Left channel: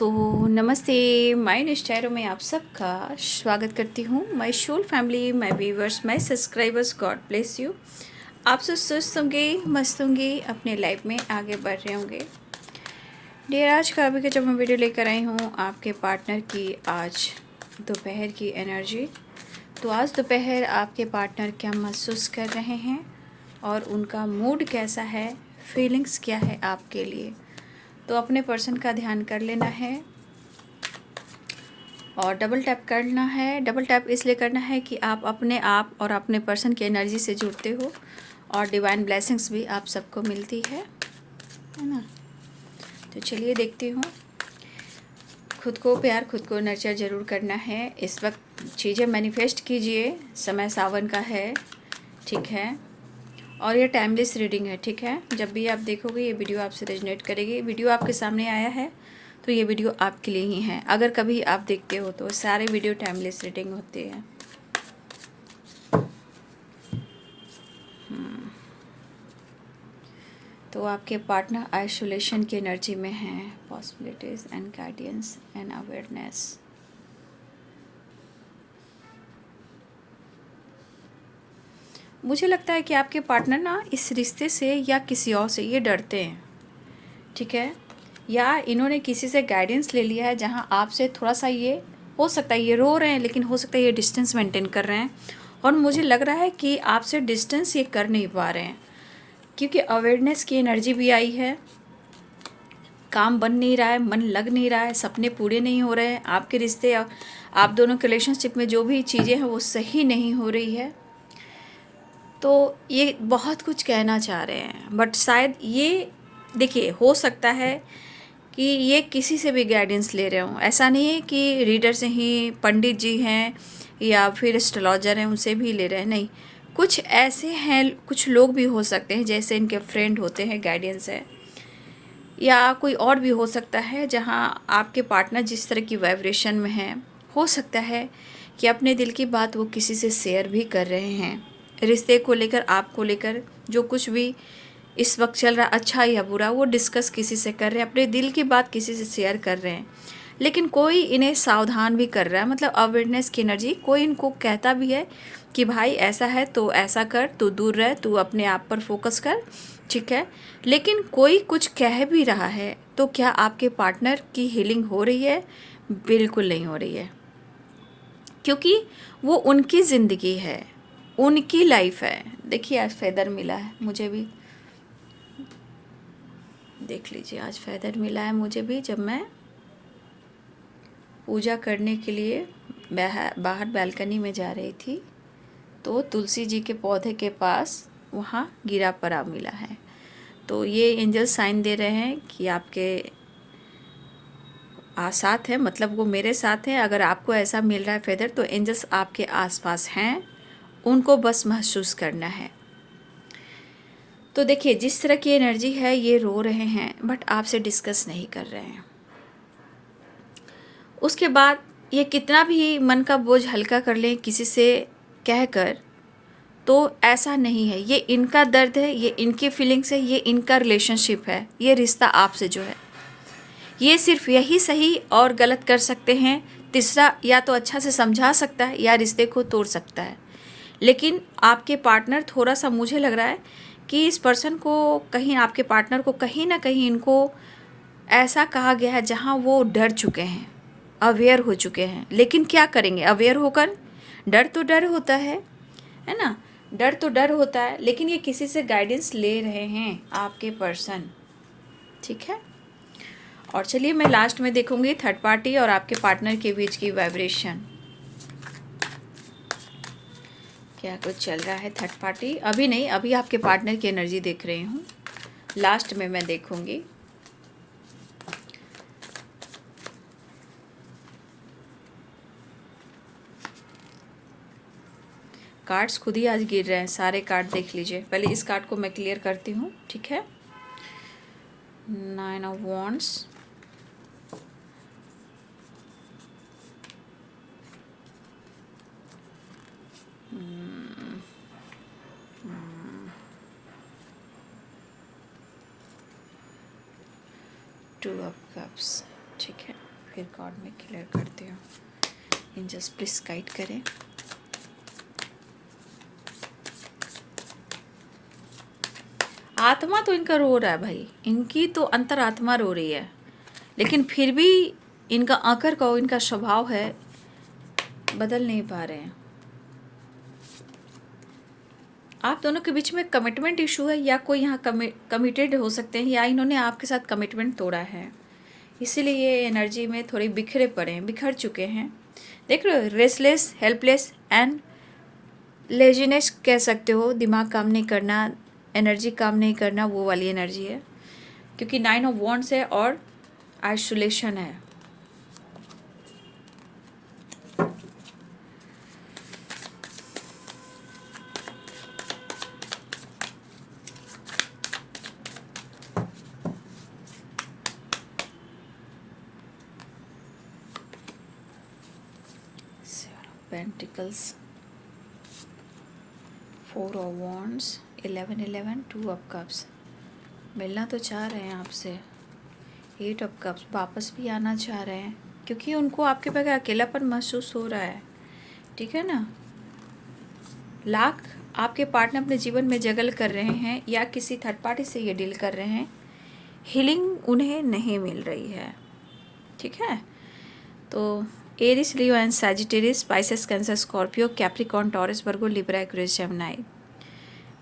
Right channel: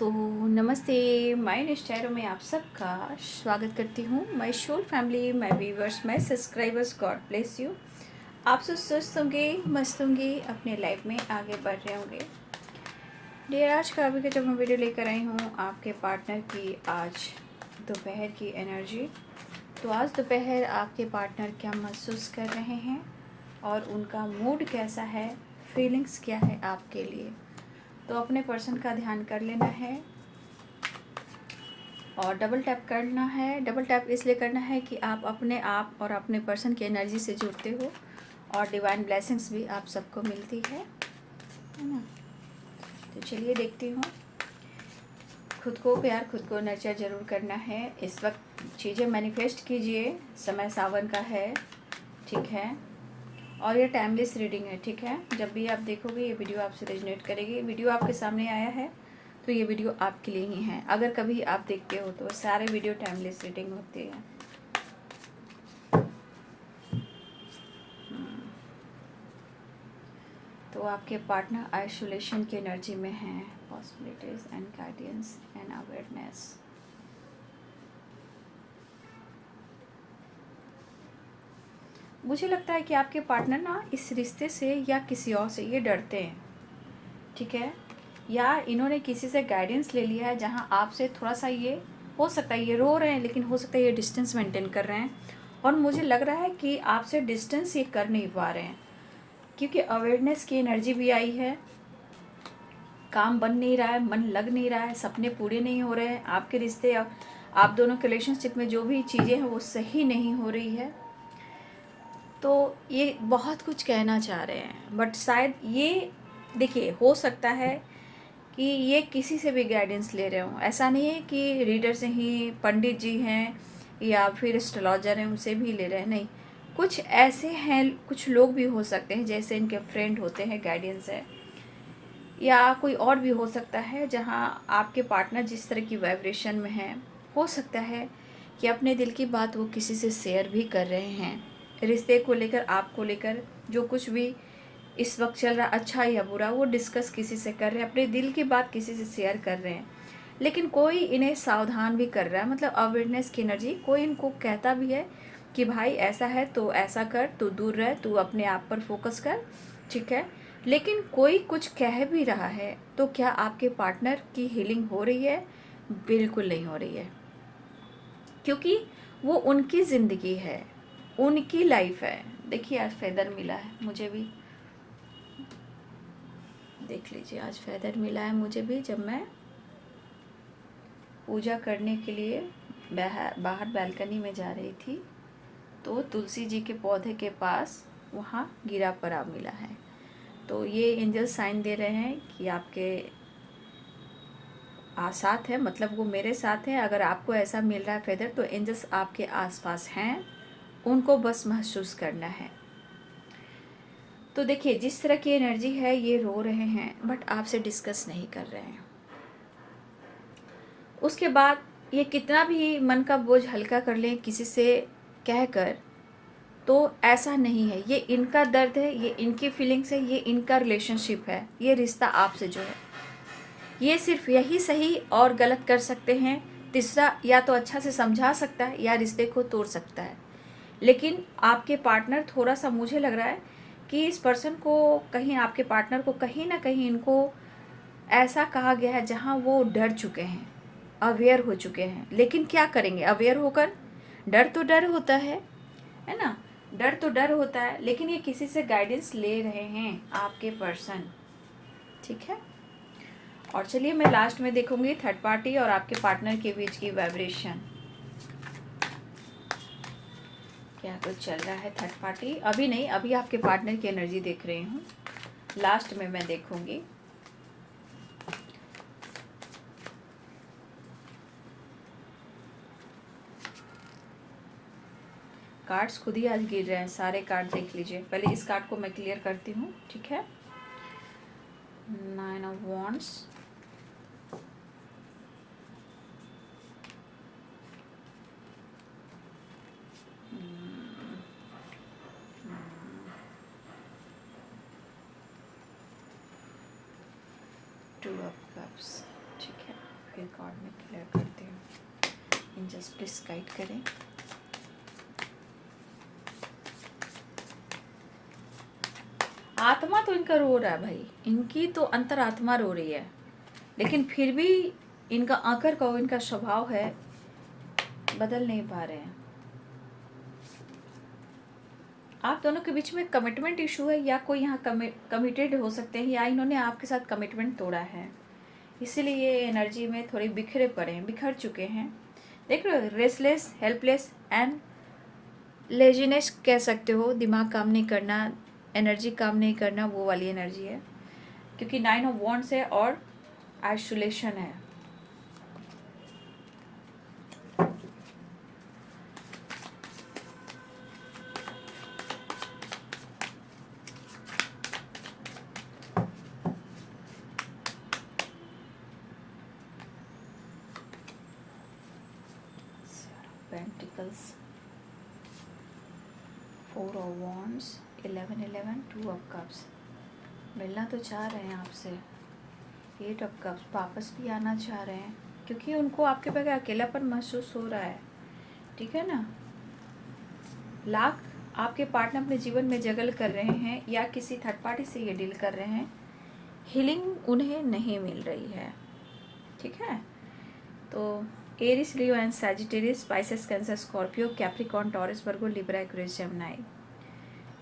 दोस्तों नमस्ते। माय निश्चरों में आप सबका स्वागत करती हूँ। My soul family, my viewers, my subscribers, God bless you. आप सब स्वस्थ होंगे, मस्त होंगे, अपने लाइफ में आगे बढ़ रहे होंगे। डियर, आज का अभी का जब मैं वीडियो लेकर आई हूँ आपके पार्टनर की आज दोपहर की एनर्जी। तो आज दोपहर आपके पार्टनर क्या महसूस कर रहे हैं और उनका मूड कैसा है, फीलिंग्स क्या है आपके लिए। तो अपने पर्सन का ध्यान कर लेना है और डबल टैप करना है। डबल टैप इसलिए करना है कि आप अपने आप और अपने पर्सन की एनर्जी से जुड़ते हो और डिवाइन ब्लेसिंग्स भी आप सबको मिलती है ना। तो चलिए देखती हूँ। खुद को प्यार, खुद को नर्चर ज़रूर करना है। इस वक्त चीज़ें मैनिफेस्ट कीजिए। समय सावन का है, ठीक है, और ये टाइमलेस रीडिंग है, ठीक है। जब भी आप देखोगे ये वीडियो आपसे रेजोनेट करेगी। वीडियो आपके सामने आया है तो ये वीडियो आपके लिए ही है। अगर कभी आप देखते हो तो सारे वीडियो टाइमलेस रीडिंग होते हैं। तो आपके पार्टनर आइसोलेशन की एनर्जी में हैं। Possibilities and guidance and awareness. मुझे लगता है कि आपके पार्टनर ना इस रिश्ते से या किसी और से ये डरते हैं, ठीक है, या इन्होंने किसी से गाइडेंस ले लिया है जहाँ आपसे थोड़ा सा ये हो सकता है ये रो रहे हैं, लेकिन हो सकता है ये डिस्टेंस मेंटेन कर रहे हैं। और मुझे लग रहा है कि आपसे डिस्टेंस ये कर नहीं पा रहे हैं क्योंकि अवेयरनेस की एनर्जी भी आई है। काम बन नहीं रहा है, मन लग नहीं रहा है, सपने पूरे नहीं हो रहे हैं। आपके रिश्ते, आप दोनों के रिलेशनशिप में जो भी चीज़ें हैं वो सही नहीं हो रही है। तो ये बहुत कुछ कहना चाह रहे हैं, बट शायद ये देखिए हो सकता है कि ये किसी से भी गाइडेंस ले रहे हों। ऐसा नहीं है कि रीडर से ही, पंडित जी हैं या फिर एस्ट्रोलॉजर हैं उनसे भी ले रहे हैं, नहीं। कुछ ऐसे हैं, कुछ लोग भी हो सकते हैं जैसे इनके फ्रेंड होते हैं, गाइडेंस है, या कोई और भी हो सकता है जहाँ आपके पार्टनर जिस तरह की वाइब्रेशन में हैं, हो सकता है कि अपने दिल की बात वो किसी से शेयर भी कर रहे हैं। रिश्ते को लेकर, आपको लेकर जो कुछ भी इस वक्त चल रहा, अच्छा या बुरा, वो डिस्कस किसी से कर रहे हैं, अपने दिल की बात किसी से शेयर कर रहे हैं। लेकिन कोई इन्हें सावधान भी कर रहा है, मतलब अवेयरनेस की एनर्जी, कोई इनको कहता भी है कि भाई ऐसा है तो ऐसा कर, तू दूर रह, तू अपने आप पर फोकस कर, ठीक है। लेकिन कोई कुछ कह भी रहा है तो क्या आपके पार्टनर की हीलिंग हो रही है? बिल्कुल नहीं हो रही है, क्योंकि वो उनकी ज़िंदगी है, उनकी लाइफ है। देखिए आज फेदर मिला है मुझे भी, देख लीजिए आज फेदर मिला है मुझे भी। जब मैं पूजा करने के लिए बाहर बालकनी में जा रही थी तो तुलसी जी के पौधे के पास वहाँ गिरा पड़ा मिला है। तो ये एंजल साइन दे रहे हैं कि आपके साथ है, मतलब वो मेरे साथ है। अगर आपको ऐसा मिल रहा है फेदर तो एंजल्स आपके आसपास हैं, उनको बस महसूस करना है। तो देखिए जिस तरह की एनर्जी है, ये रो रहे हैं बट आपसे डिस्कस नहीं कर रहे हैं। उसके बाद ये कितना भी मन का बोझ हल्का कर लें किसी से कहकर, तो ऐसा नहीं है। ये इनका दर्द है, ये इनकी फीलिंग्स है, ये इनका रिलेशनशिप है, ये रिश्ता आपसे जो है, ये सिर्फ यही सही और गलत कर सकते हैं। तीसरा या तो अच्छा से समझा सकता है या रिश्ते को तोड़ सकता है। लेकिन आपके पार्टनर, थोड़ा सा मुझे लग रहा है कि इस पर्सन को कहीं, आपके पार्टनर को कहीं ना कहीं इनको ऐसा कहा गया है जहाँ वो डर चुके हैं, अवेयर हो चुके हैं। लेकिन क्या करेंगे अवेयर होकर? डर तो डर होता है ना, डर तो डर होता है। लेकिन ये किसी से गाइडेंस ले रहे हैं आपके पर्सन, ठीक है। और चलिए मैं लास्ट में देखूंगी थर्ड पार्टी और आपके पार्टनर के बीच की वाइब्रेशन, क्या कुछ चल रहा है। थर्ड पार्टी अभी नहीं, अभी आपके पार्टनर की एनर्जी देख रही हूँ, लास्ट में मैं देखूंगी। कार्ड्स खुद ही आज गिर रहे हैं, सारे कार्ड देख लीजिए। पहले इस कार्ड को मैं क्लियर करती हूँ, ठीक है। 9 of wands, two of cups, ठीक है। फिर कार्ड में क्लियर करते हो। एंजल्स प्लीज गाइड करें। आत्मा तो इनका रो रहा है भाई, इनकी तो अंतरात्मा रो रही है, लेकिन फिर भी इनका आकर का इनका स्वभाव है, बदल नहीं पा रहे हैं। आप दोनों के बीच में कमिटमेंट इशू है, या कोई यहाँ कमिटेड हो सकते हैं, या इन्होंने आपके साथ कमिटमेंट तोड़ा है, इसीलिए ये एनर्जी में थोड़े बिखरे पड़े हैं, बिखर चुके हैं। देख रहे हो, रेस्टलेस, हेल्पलेस एंड लेजीनेस कह सकते हो, दिमाग काम नहीं करना, एनर्जी काम नहीं करना, वो वाली एनर्जी है, क्योंकि 9 ऑफ वॉन्ड्स है और आइसोलेशन है। Pentacles, 4 of wands, 11 2 of cups. मिलना तो चाह रहे हैं आपसे, 8 ऑफ कप्स, वापस भी आना चाह रहे हैं, क्योंकि उनको आपके बगैर अकेलापन महसूस हो रहा है, ठीक है ना। लाख आपके पार्टनर अपने जीवन में जगल कर रहे हैं, या किसी थर्ड पार्टी से ये डील कर रहे हैं, हीलिंग उन्हें नहीं मिल रही है, ठीक है। तो Aries, Leo and Sagittarius, Pisces, Cancer, Scorpio, Capricorn, Taurus, Virgo, Libra, Aquarius, Gemini.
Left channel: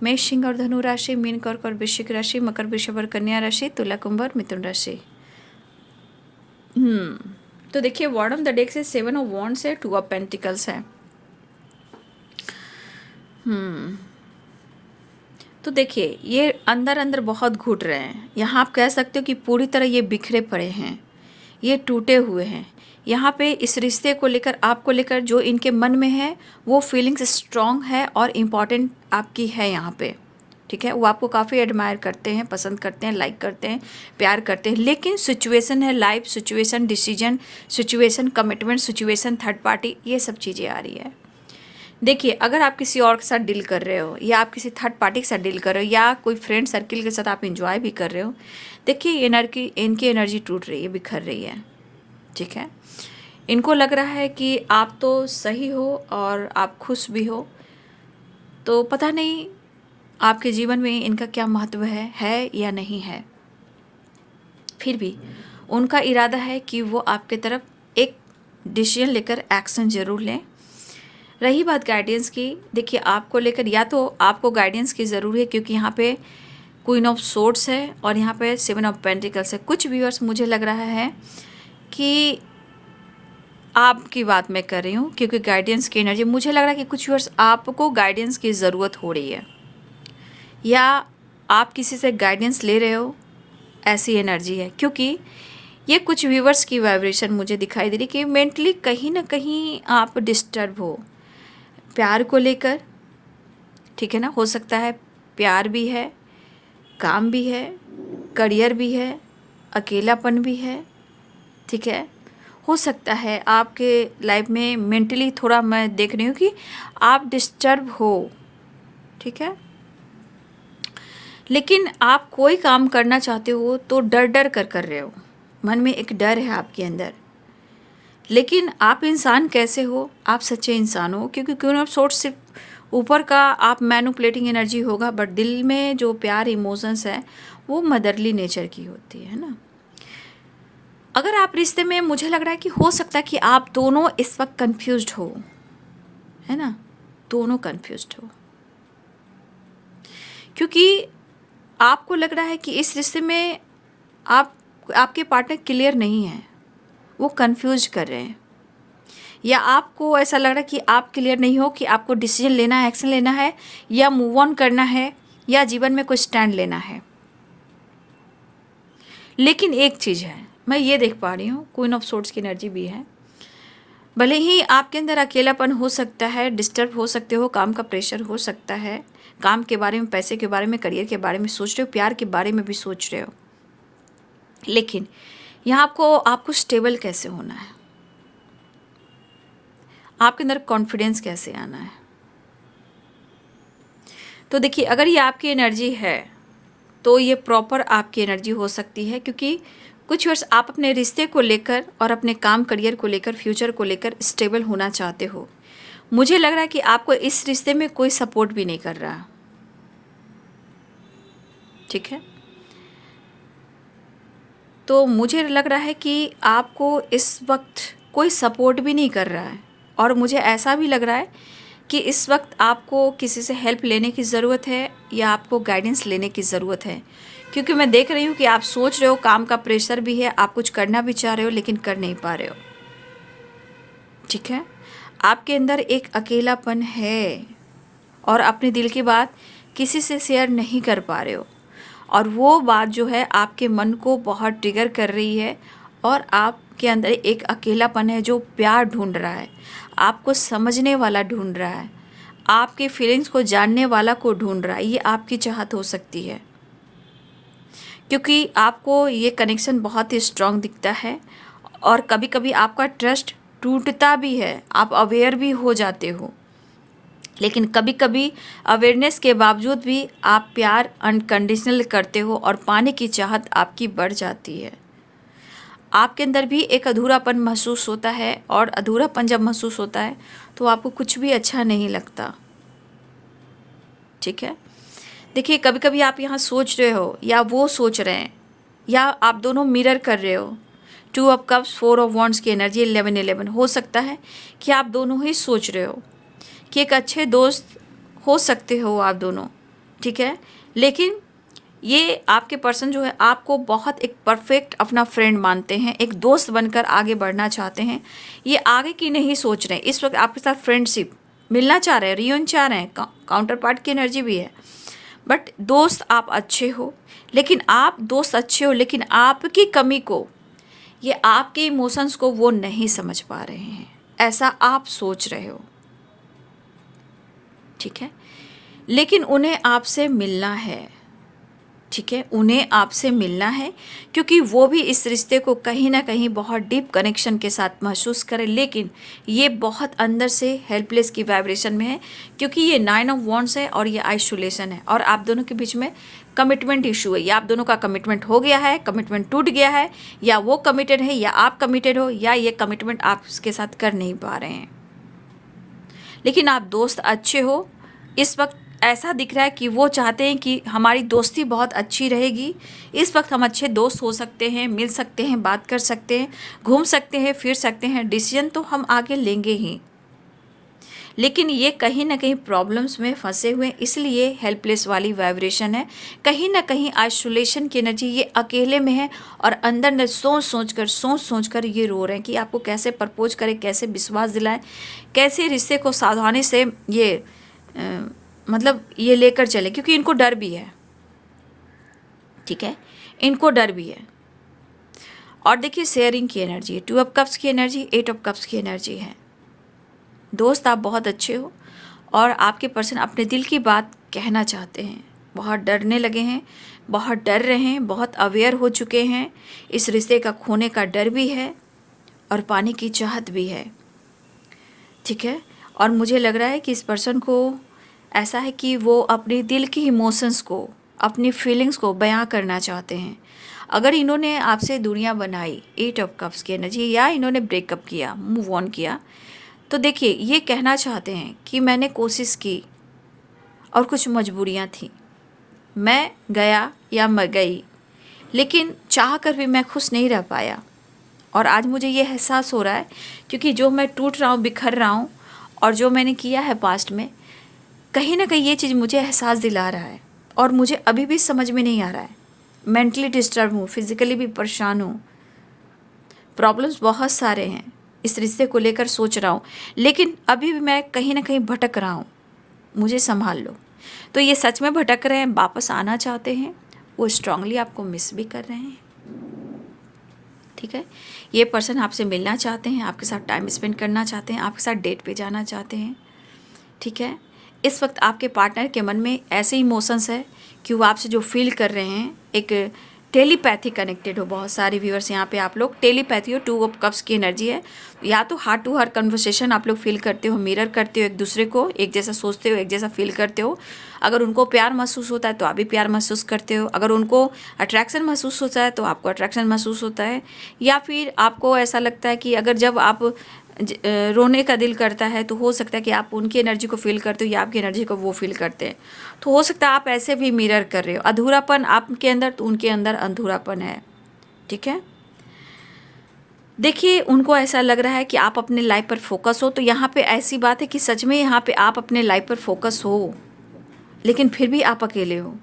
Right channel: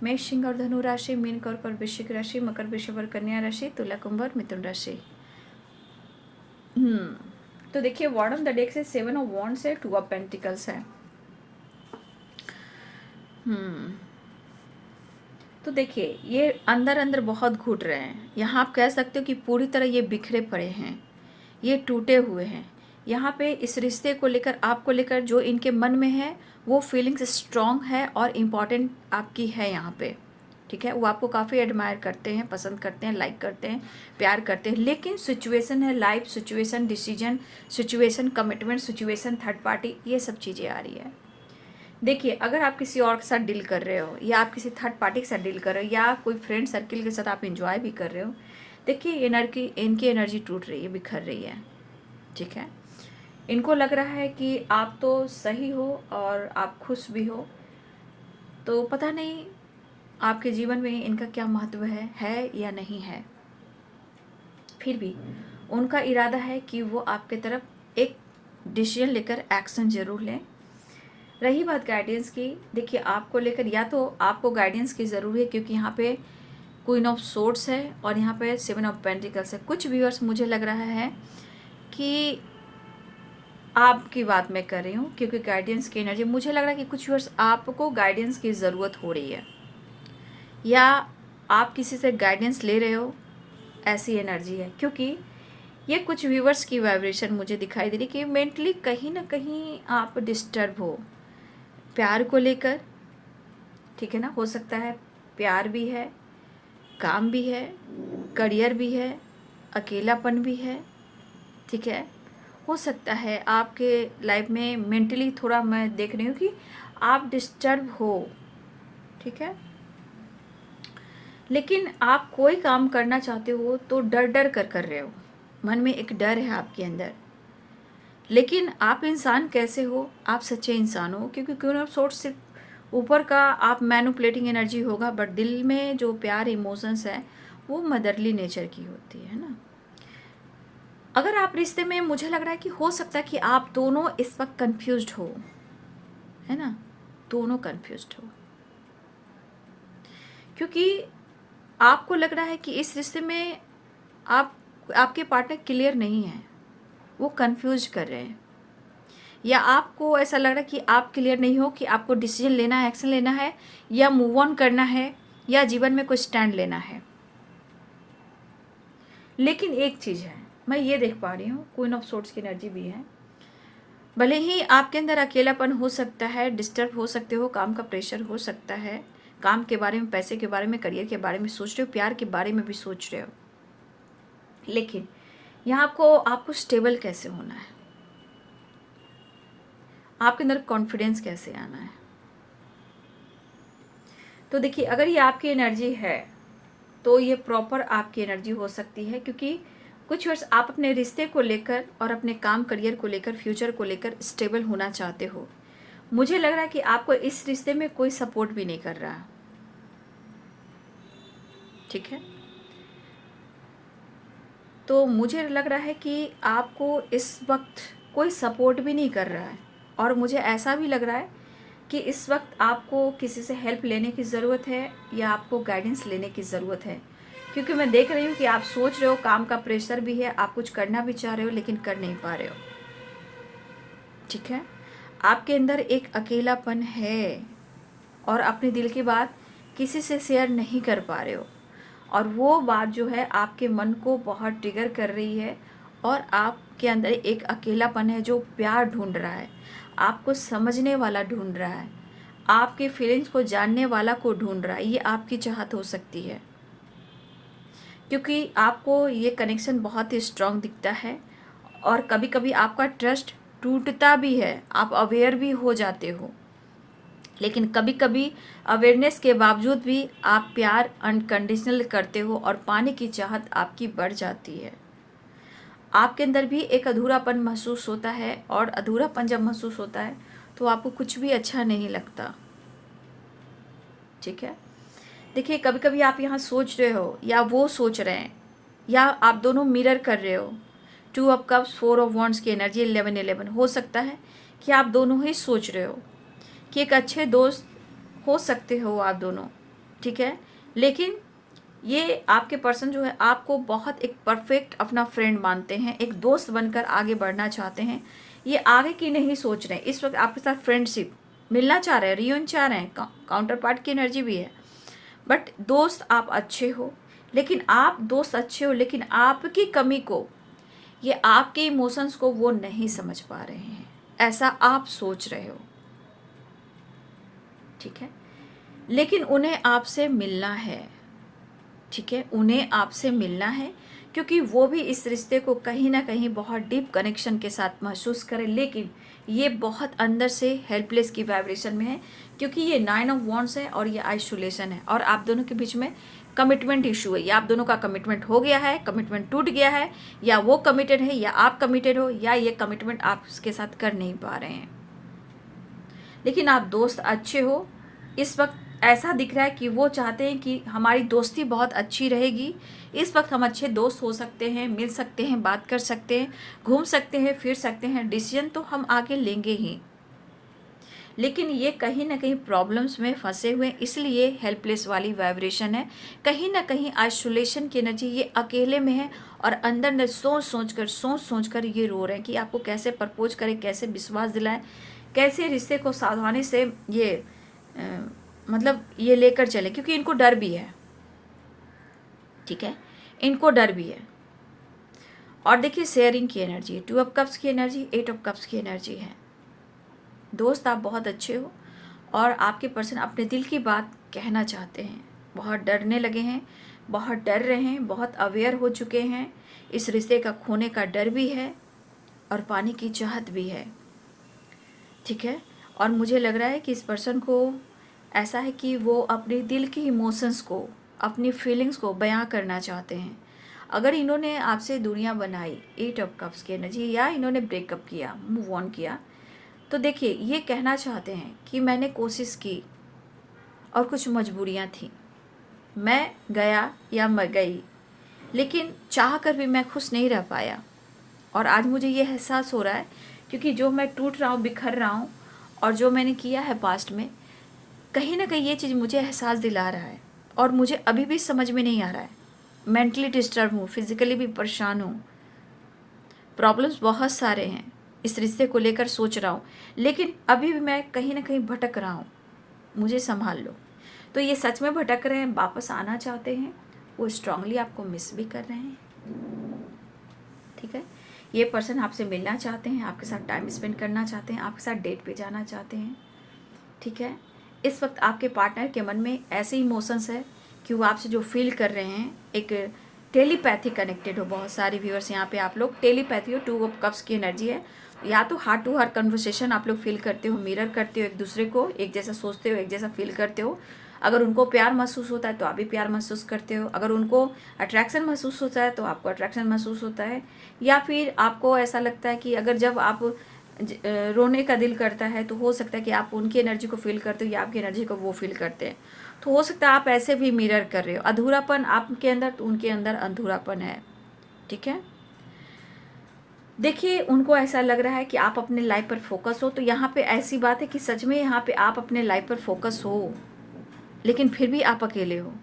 मेष, सिंह और धनु राशि, मीन, कर्क और वृश्चिक राशि, मकर, वृषभ और कन्या राशि, तुला, कुंभ और मिथुन राशि। तो देखिए, बॉटम ऑफ द डेक से 7 ऑफ वॉन्ड्स है, 2 ऑफ पेंटिकल्स है। तो देखिए, ये अंदर अंदर बहुत घुट रहे हैं। यहाँ आप कह सकते हो कि पूरी तरह ये बिखरे पड़े हैं, ये टूटे हुए हैं। यहाँ पे इस रिश्ते को लेकर, आपको लेकर जो इनके मन में है, वो फीलिंग्स स्ट्रॉन्ग है और इम्पॉर्टेंट आपकी है यहाँ पे, ठीक है। वो आपको काफ़ी एडमायर करते हैं, पसंद करते हैं, लाइक करते हैं, प्यार करते हैं, लेकिन सिचुएशन है, life situation, decision situation, commitment situation, third party, ये सब चीज़ें आ रही है। देखिए, अगर आप किसी और के साथ डील कर रहे हो, या आप किसी थर्ड पार्टी के साथ डील कर रहे हो, या कोई फ्रेंड सर्किल के साथ आप इंजॉय भी कर रहे हो, देखिए इनकी एनर्जी टूट रही है, बिखर रही है, ठीक है। इनको लग रहा है कि आप तो सही हो और आप खुश भी हो, तो पता नहीं आपके जीवन में इनका क्या महत्व है या नहीं है। फिर भी उनका इरादा है कि वो आपके तरफ एक डिसीजन लेकर एक्शन जरूर लें। रही बात गाइडेंस की, देखिए आपको लेकर, या तो आपको गाइडेंस की ज़रूरी है, क्योंकि यहाँ पे क्वीन ऑफ सोर्ड्स है और यहाँ पे 7 ऑफ पेंटिकल्स है। कुछ व्यूअर्स, मुझे लग रहा है कि आपकी बात मैं कर रही हूँ, क्योंकि गाइडेंस की एनर्जी, मुझे लग रहा है कि कुछ व्यूअर्स आपको गाइडेंस की ज़रूरत हो रही है, या आप किसी से गाइडेंस ले रहे हो, ऐसी एनर्जी है। क्योंकि ये कुछ व्यूअर्स की वाइब्रेशन मुझे दिखाई दे रही कि मेंटली कहीं ना कहीं आप डिस्टर्ब हो, प्यार को लेकर, ठीक है ना। हो सकता है प्यार भी है, काम भी है, करियर भी है, अकेलापन भी है, ठीक है। हो सकता है आपके लाइफ में मेंटली थोड़ा, मैं देख रही हूँ कि आप डिस्टर्ब हो, ठीक है। लेकिन आप कोई काम करना चाहते हो तो डर डर कर रहे हो, मन में एक डर है आपके अंदर। लेकिन आप इंसान कैसे हो, आप सच्चे इंसान हो, क्योंकि क्यों ना सोच, सिर्फ ऊपर का आप मैनिपुलेटिंग एनर्जी होगा, बट दिल में जो प्यार, इमोशंस है, वो मदरली नेचर की होती है ना। अगर आप रिश्ते में, मुझे लग रहा है कि हो सकता है कि आप दोनों इस वक्त कंफ्यूज्ड हो, है ना, दोनों कंफ्यूज्ड हो, क्योंकि आपको लग रहा है कि इस रिश्ते में आपके पार्टनर क्लियर नहीं है, वो कंफ्यूज कर रहे हैं, या आपको ऐसा लग रहा है कि आप क्लियर नहीं हो कि आपको डिसीजन लेना है, एक्शन लेना है, या मूव ऑन करना है, या जीवन में कोई स्टैंड लेना है। लेकिन एक चीज़ है, मैं ये देख पा रही हूँ, क्वीन ऑफ सोर्ड्स की एनर्जी भी है। भले ही आपके अंदर अकेलापन हो सकता है, डिस्टर्ब हो सकते हो, काम का प्रेशर हो सकता है, काम के बारे में, पैसे के बारे में, करियर के बारे में सोच रहे हो, प्यार के बारे में भी सोच रहे हो, लेकिन यहाँ आपको स्टेबल कैसे होना है, आपके अंदर कॉन्फिडेंस कैसे आना है। तो देखिए, अगर ये आपकी एनर्जी है तो ये प्रॉपर आपकी एनर्जी हो सकती है, क्योंकि कुछ वर्ष आप अपने रिश्ते को लेकर और अपने काम करियर को लेकर फ्यूचर को लेकर स्टेबल होना चाहते हो। मुझे लग रहा है कि आपको इस रिश्ते में कोई सपोर्ट भी नहीं कर रहा। ठीक है, तो मुझे लग रहा है कि आपको इस वक्त कोई सपोर्ट भी नहीं कर रहा है, और मुझे ऐसा भी लग रहा है कि इस वक्त आपको किसी से हेल्प लेने की ज़रूरत है या आपको गाइडेंस लेने की ज़रूरत है। क्योंकि मैं देख रही हूँ कि आप सोच रहे हो, काम का प्रेशर भी है, आप कुछ करना भी चाह रहे हो लेकिन कर नहीं पा रहे हो। ठीक है, आपके अंदर एक अकेलापन है और अपने दिल की बात किसी से शेयर नहीं कर पा रहे हो, और वो बात जो है आपके मन को बहुत ट्रिगर कर रही है, और आपके अंदर एक अकेलापन है जो प्यार ढूंढ रहा है, आपको समझने वाला ढूंढ रहा है, आपके फीलिंग्स को जानने वाला को ढूंढ रहा है। ये आपकी चाहत हो सकती है, क्योंकि आपको ये कनेक्शन बहुत ही स्ट्रांग दिखता है, और कभी कभी आपका ट्रस्ट टूटता भी है, आप अवेयर भी हो जाते हो, लेकिन कभी कभी अवेयरनेस के बावजूद भी आप प्यार अनकंडीशनल करते हो और पाने की चाहत आपकी बढ़ जाती है। आपके अंदर भी एक अधूरापन महसूस होता है, और अधूरापन जब महसूस होता है तो आपको कुछ भी अच्छा नहीं लगता। ठीक है, देखिए, कभी कभी आप यहाँ सोच रहे हो या वो सोच रहे हैं, या आप दोनों मिरर कर रहे हो। 2 ऑफ कप्स, 4 ऑफ वॉन्ड्स की एनर्जी, 11-11 हो सकता है कि आप दोनों ही सोच रहे हो कि एक अच्छे दोस्त हो सकते हो आप दोनों। ठीक है, लेकिन ये आपके पर्सन जो है आपको बहुत एक परफेक्ट अपना फ्रेंड मानते हैं, एक दोस्त बनकर आगे बढ़ना चाहते हैं। ये आगे की नहीं सोच रहे हैं, इस वक्त आपके साथ फ्रेंडशिप मिलना चाह रहे हैं, रियून चाह रहे हैं, काउंटर पार्ट की एनर्जी भी है। बट दोस्त आप अच्छे हो, लेकिन आप दोस्त अच्छे हो लेकिन आपकी कमी को, ये आपके इमोशंस को वो नहीं समझ पा रहे हैं, ऐसा आप सोच रहे हो। ठीक है, लेकिन उन्हें आपसे मिलना है। ठीक है, उन्हें आपसे मिलना है, क्योंकि वो भी इस रिश्ते को कहीं ना कहीं बहुत डीप कनेक्शन के साथ महसूस करें, लेकिन ये बहुत अंदर से हेल्पलेस की वाइब्रेशन में है, क्योंकि ये 9 ऑफ वॉन्ड्स है और ये आइसोलेशन है, और आप दोनों के बीच में कमिटमेंट इशू है, या आप दोनों का कमिटमेंट हो गया है, कमिटमेंट टूट गया है, या वो कमिटेड है या आप कमिटेड हो, या ये कमिटमेंट आप उसके साथ कर नहीं पा रहे हैं। लेकिन आप दोस्त अच्छे हो, इस वक्त ऐसा दिख रहा है कि वो चाहते हैं कि हमारी दोस्ती बहुत अच्छी रहेगी, इस वक्त हम अच्छे दोस्त हो सकते हैं, मिल सकते हैं, बात कर सकते हैं, घूम सकते हैं, फिर सकते हैं, डिसीजन तो हम आगे लेंगे ही। लेकिन ये कहीं ना कहीं प्रॉब्लम्स में फंसे हुए, इसलिए हेल्पलेस वाली वाइब्रेशन है, कहीं ना कहीं आइसोलेशन की एनर्जी, ये अकेले में है, और अंदर अंदर सोच सोच कर ये रो रहे हैं कि आपको कैसे प्रपोज करें, कैसे विश्वास दिलाएं, कैसे रिश्ते को सावधानी से ये मतलब ये लेकर चले, क्योंकि इनको डर भी है। ठीक है, इनको डर भी है। और देखिए, शेयरिंग की एनर्जी, 2 ऑफ कप्स की एनर्जी, 8 ऑफ कप्स की एनर्जी है। दोस्त आप बहुत अच्छे हो, और आपके पर्सन अपने दिल की बात कहना चाहते हैं, बहुत डरने लगे हैं, बहुत डर रहे हैं, बहुत अवेयर हो चुके हैं, इस रिश्ते का खोने का डर भी है और पाने की चाहत भी है। ठीक है, और मुझे लग रहा है कि इस पर्सन को ऐसा है कि वो अपने दिल की इमोशंस को, अपनी फीलिंग्स को बयां करना चाहते हैं। अगर इन्होंने आपसे दूरियां बनाई, 8 ऑफ कप्स की एनर्जी, या इन्होंने ब्रेकअप किया, मूव ऑन किया, तो देखिए, ये कहना चाहते हैं कि मैंने कोशिश की और कुछ मजबूरियां थी, मैं गया या मैं गई, लेकिन चाह कर भी मैं खुश नहीं रह पाया, और आज मुझे ये एहसास हो रहा है, क्योंकि जो मैं टूट रहा हूँ, बिखर रहा हूँ, और जो मैंने किया है पास्ट में, कहीं ना कहीं ये चीज़ मुझे एहसास दिला रहा है, और मुझे अभी भी समझ में नहीं आ रहा है। मेंटली डिस्टर्ब हूँ, फिजिकली भी परेशान हूँ, प्रॉब्लम्स बहुत सारे हैं, इस रिश्ते को लेकर सोच रहा हूँ, लेकिन अभी भी मैं कहीं ना कहीं भटक रहा हूँ, मुझे संभाल लो। तो ये सच में भटक रहे हैं, वापस आना चाहते हैं, वो स्ट्रांगली आपको मिस भी कर रहे हैं। ठीक है, ये पर्सन आपसे मिलना चाहते हैं, आपके साथ टाइम स्पेंड करना चाहते हैं, आपके साथ डेट पे जाना चाहते हैं। ठीक है, इस वक्त आपके पार्टनर के मन में ऐसे इमोशंस है कि वो आपसे जो फील कर रहे हैं, एक टेलीपैथी कनेक्टेड हो। बहुत सारे व्यूअर्स यहाँ पे आप लोग टेलीपैथी हो, 2 ऑफ कप्स की एनर्जी है। या तो हार्ट टू हार्ट कन्वर्सेशन आप लोग फील करते हो, मिरर करते हो एक दूसरे को, एक जैसा सोचते हो, एक जैसा फील करते हो। अगर उनको प्यार महसूस होता है तो आप भी प्यार महसूस करते हो, अगर उनको अट्रैक्शन महसूस होता है तो आपको अट्रैक्शन महसूस होता है। या फिर आपको ऐसा लगता है कि अगर जब आप रोने का दिल करता है तो हो सकता है कि आप उनकी एनर्जी को फील करते हो या आपकी एनर्जी को वो फील करते हैं। तो हो सकता है आप ऐसे भी मिरर कर रहे हो। अधूरापन आपके अंदर तो उनके अंदर अधूरापन है, ठीक है। देखिए, उनको ऐसा लग रहा है कि आप अपने लाइफ पर फोकस हो, तो यहाँ पे ऐसी बात है कि सच में यहाँ पे आप अपने लाइफ पर फोकस हो, लेकिन फिर भी आप अकेले हो,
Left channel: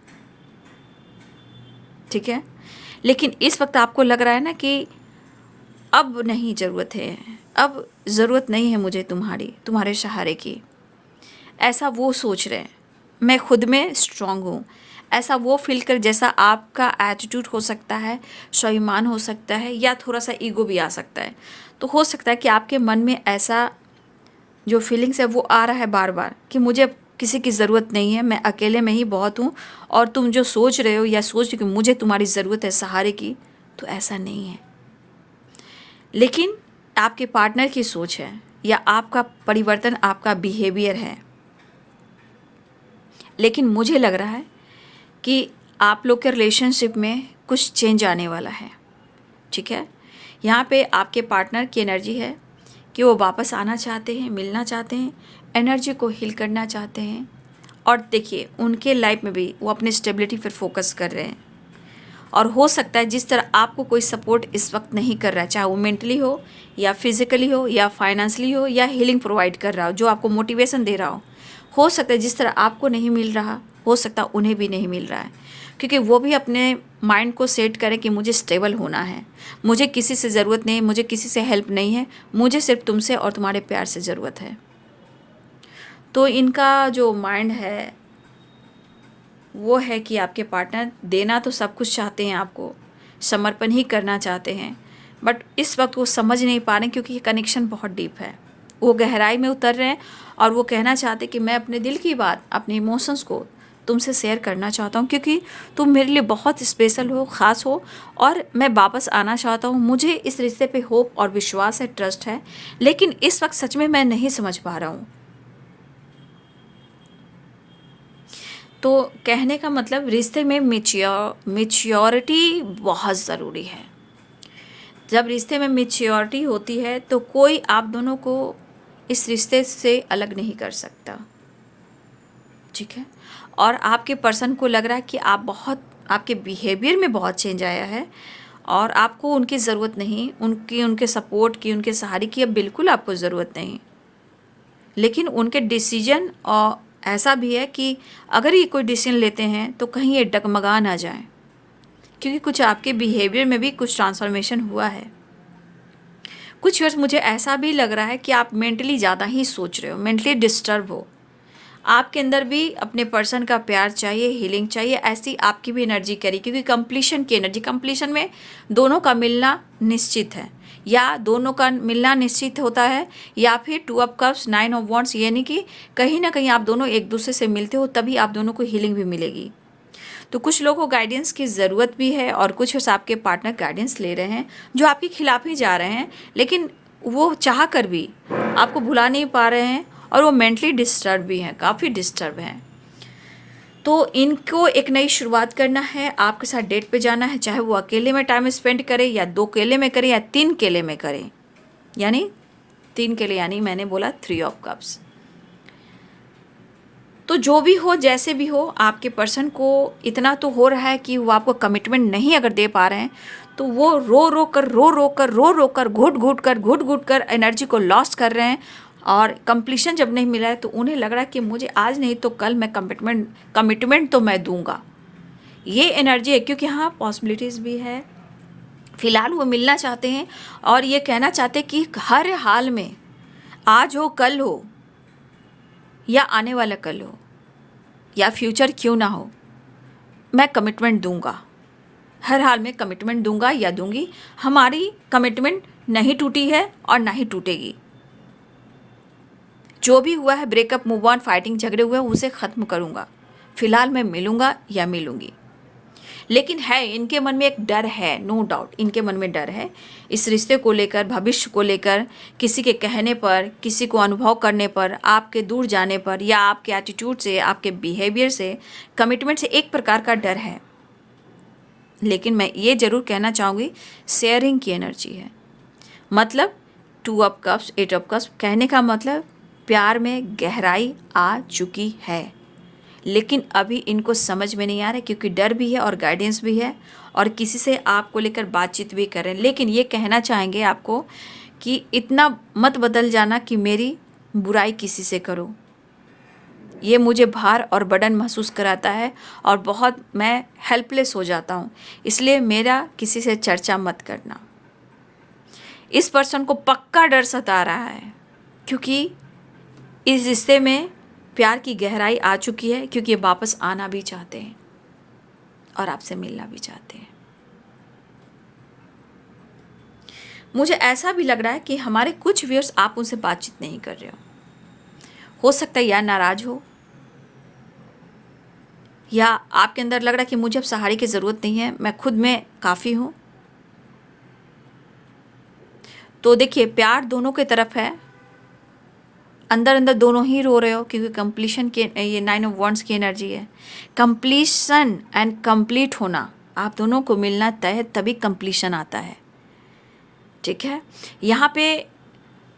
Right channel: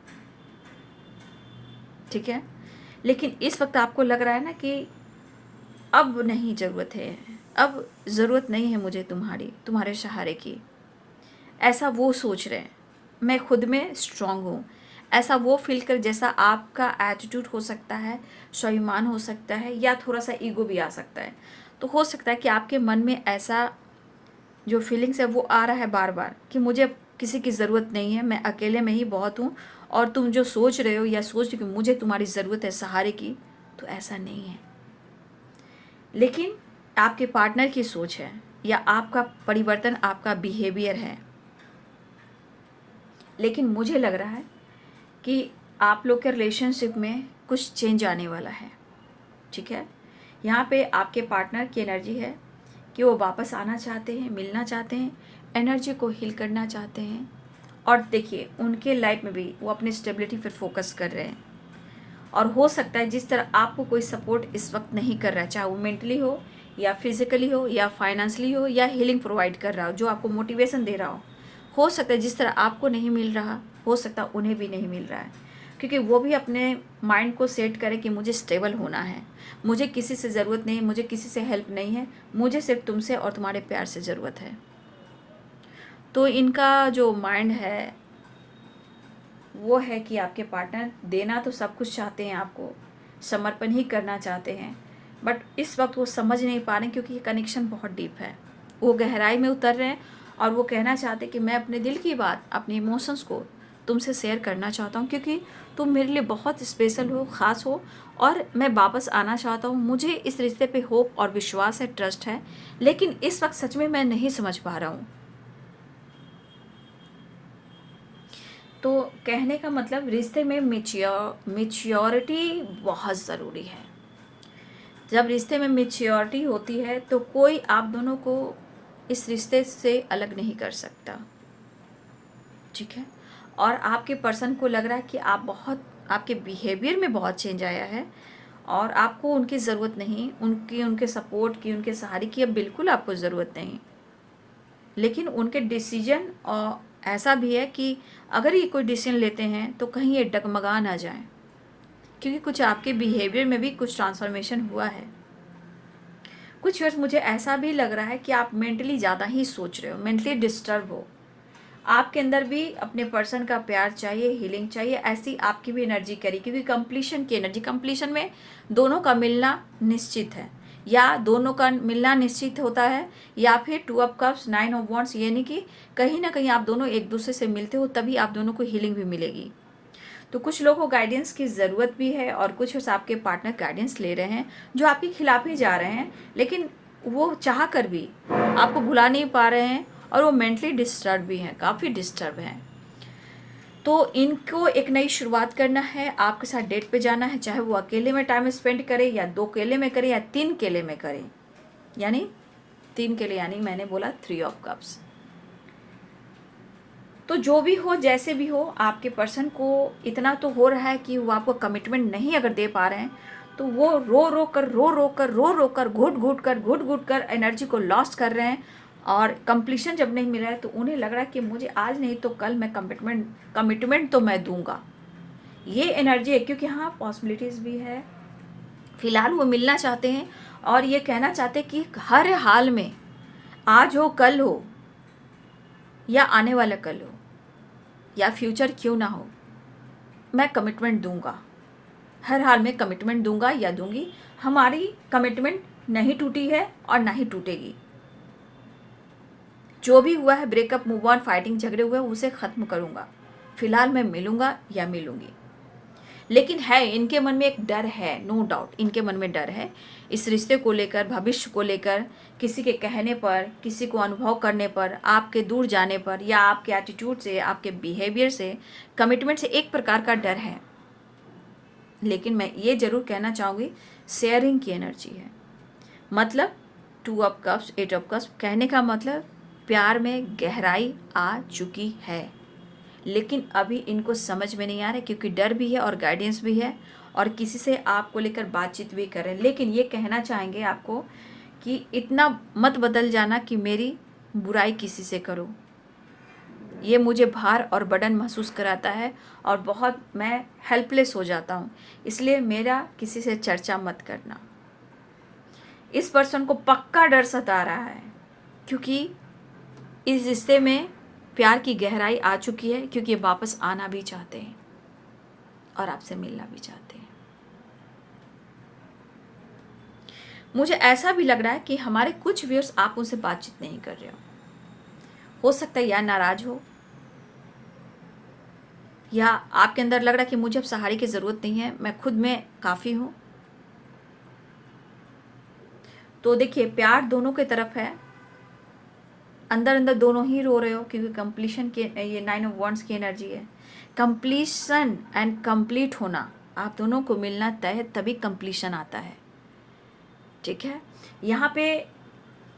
ठीक है। लेकिन इस वक्त आपको लग रहा है ना कि अब नहीं ज़रूरत है, अब ज़रूरत नहीं है मुझे तुम्हारे सहारे की। ऐसा वो सोच रहे हैं। मैं खुद में स्ट्रांग हूँ, ऐसा वो फील कर, जैसा आपका एटीट्यूड हो सकता है, स्वाभिमान हो सकता है, या थोड़ा सा ईगो भी आ सकता है। तो हो सकता है कि आपके मन में ऐसा जो फीलिंग्स है वो आ रहा है बार बार कि मुझे अब किसी की ज़रूरत नहीं है, मैं अकेले में ही बहुत हूँ। और तुम जो सोच रहे हो या सोच रहे हो कि मुझे तुम्हारी ज़रूरत है सहारे की, तो ऐसा नहीं है। लेकिन आपके पार्टनर की सोच है, या आपका परिवर्तन, आपका बिहेवियर है। लेकिन मुझे लग रहा है कि आप लोग के रिलेशनशिप में कुछ चेंज आने वाला है, ठीक है। यहाँ पे आपके पार्टनर की एनर्जी है कि वो वापस आना चाहते हैं, मिलना चाहते हैं, एनर्जी को हील करना चाहते हैं। और देखिए, उनके लाइफ में भी वो अपने स्टेबिलिटी पर फोकस कर रहे हैं। और हो सकता है जिस तरह आपको कोई सपोर्ट इस वक्त नहीं कर रहा है, चाहे वो मेंटली हो या फिजिकली हो या फाइनेंशियली हो या हीलिंग प्रोवाइड कर रहा हो, जो आपको मोटिवेशन दे रहा हो सकता है जिस तरह आपको नहीं मिल रहा, हो सकता है उन्हें भी नहीं मिल रहा है। क्योंकि वो भी अपने माइंड को सेट करें कि मुझे स्टेबल होना है, मुझे किसी से ज़रूरत नहीं है, मुझे किसी से हेल्प नहीं है, मुझे सिर्फ तुमसे और तुम्हारे प्यार से ज़रूरत है। तो इनका जो माइंड है वो है कि आपके पार्टनर देना तो सब कुछ चाहते हैं, आपको समर्पण ही करना चाहते हैं, बट इस वक्त वो समझ नहीं पा रहे हैं क्योंकि ये कनेक्शन बहुत डीप है। वो गहराई में उतर रहे हैं और वो कहना चाहते हैं कि मैं अपने दिल की बात, अपने इमोशंस को तुमसे शेयर करना चाहता हूँ, क्योंकि तुम मेरे लिए बहुत स्पेशल हो, ख़ास हो, और मैं वापस आना चाहता हूँ। मुझे इस रिश्ते पे होप और विश्वास है, ट्रस्ट है, लेकिन इस वक्त सच में मैं नहीं समझ पा रहा हूँ। तो कहने का मतलब, रिश्ते में मेच्योरिटी बहुत ज़रूरी है। जब रिश्ते में मेच्योरिटी होती है तो कोई आप दोनों को इस रिश्ते से अलग नहीं कर सकता, ठीक है। और आपके पर्सन को लग रहा है कि आपके बिहेवियर में बहुत चेंज आया है और आपको उनकी ज़रूरत नहीं, उनके सपोर्ट की, उनके सहारे की अब बिल्कुल आपको ज़रूरत नहीं। लेकिन उनके डिसीजन और ऐसा भी है कि अगर ये कोई डिसीजन लेते हैं तो कहीं ये डगमगा ना जाए, क्योंकि कुछ आपके बिहेवियर में भी कुछ ट्रांसफॉर्मेशन हुआ है। कुछ वर्ष मुझे ऐसा भी लग रहा है कि आप मेंटली ज़्यादा ही सोच रहे हो, मेंटली डिस्टर्ब हो। आपके अंदर भी अपने पर्सन का प्यार चाहिए, हीलिंग चाहिए, ऐसी आपकी भी एनर्जी करी, क्योंकि कंप्लीशन की एनर्जी, कंप्लीशन में दोनों का मिलना निश्चित है, या दोनों का मिलना निश्चित होता है, या फिर 2 ऑफ कप्स, 9 ऑफ वॉन्ड्स, यानी कि कहीं ना कहीं आप दोनों एक दूसरे से मिलते हो, तभी आप दोनों को हीलिंग भी मिलेगी। तो कुछ लोगों को गाइडेंस की ज़रूरत भी है और कुछ आपके पार्टनर गाइडेंस ले रहे हैं जो आपके खिलाफ ही जा रहे हैं, लेकिन वो चाह कर भी आपको भुला नहीं पा रहे हैं और वो मेंटली डिस्टर्ब भी हैं, काफ़ी डिस्टर्ब हैं। तो इनको एक नई शुरुआत करना है, आपके साथ डेट पे जाना है, चाहे वो अकेले में टाइम स्पेंड करे या 2 केले में करे या 3 केले में करे, यानी 3 केले, यानी मैंने बोला 3 ऑफ कप्स। तो जो भी हो, जैसे भी हो, आपके पर्सन को इतना तो हो रहा है कि वो आपको कमिटमेंट नहीं अगर दे पा रहे हैं, तो वो रो कर घुट घुट कर एनर्जी को लॉस्ट कर रहे हैं। और कंप्लीशन जब नहीं मिला है तो उन्हें लग रहा है कि मुझे आज नहीं तो कल मैं कमिटमेंट तो मैं दूंगा। ये एनर्जी है, क्योंकि हाँ पॉसिबिलिटीज़ भी है। फिलहाल वो मिलना चाहते हैं और ये कहना चाहते हैं कि हर हाल में, आज हो, कल हो, या आने वाला कल हो, या फ्यूचर क्यों ना हो, मैं कमिटमेंट दूंगा, हर हाल में कमिटमेंट दूंगा या दूंगी। हमारी कमिटमेंट नहीं टूटी है और ना ही टूटेगी। जो भी हुआ है, ब्रेकअप, मूव ऑन, फाइटिंग, झगड़े हुए, उसे ख़त्म करूंगा। फिलहाल मैं मिलूंगा या मिलूंगी। लेकिन है, इनके मन में एक डर है, नो डाउट इनके मन में डर है इस रिश्ते को लेकर, भविष्य को लेकर, किसी के कहने पर, किसी को अनुभव करने पर, आपके दूर जाने पर, या आपके एटीट्यूड से, आपके बिहेवियर से, कमिटमेंट से एक प्रकार का डर है। लेकिन मैं ये ज़रूर कहना चाहूँगी, शेयरिंग की एनर्जी है। मतलब 2 ऑफ कप्स, 8 ऑफ कप्स, कहने का मतलब प्यार में गहराई आ चुकी है, लेकिन अभी इनको समझ में नहीं आ रहा है क्योंकि डर भी है और गाइडेंस भी है, और किसी से आपको लेकर बातचीत भी कर रहे हैं। लेकिन ये कहना चाहेंगे आपको कि इतना मत बदल जाना कि मेरी बुराई किसी से करो, ये मुझे भार और बर्डन महसूस कराता है और बहुत मैं हेल्पलेस हो जाता हूँ, इसलिए मेरा किसी से चर्चा मत करना। इस पर्सन को पक्का डर सता रहा है क्योंकि इस रिश्ते में प्यार की गहराई आ चुकी है, क्योंकि ये वापस आना भी चाहते हैं और आपसे मिलना भी चाहते हैं। मुझे ऐसा भी लग रहा है कि हमारे कुछ व्यूअर्स आप उनसे बातचीत नहीं कर रहे हो सकता है या नाराज हो, या आपके अंदर लग रहा है कि मुझे अब सहारे की ज़रूरत नहीं है, मैं खुद में काफ़ी हूँ। तो देखिए, प्यार दोनों की तरफ है, अंदर अंदर दोनों ही रो रहे हो क्योंकि कंप्लीशन के, ये 9 ऑफ वांड्स की एनर्जी है। कंप्लीशन एंड कंप्लीट होना, आप दोनों को मिलना तय है, तभी कंप्लीशन आता है। ठीक है, यहाँ पे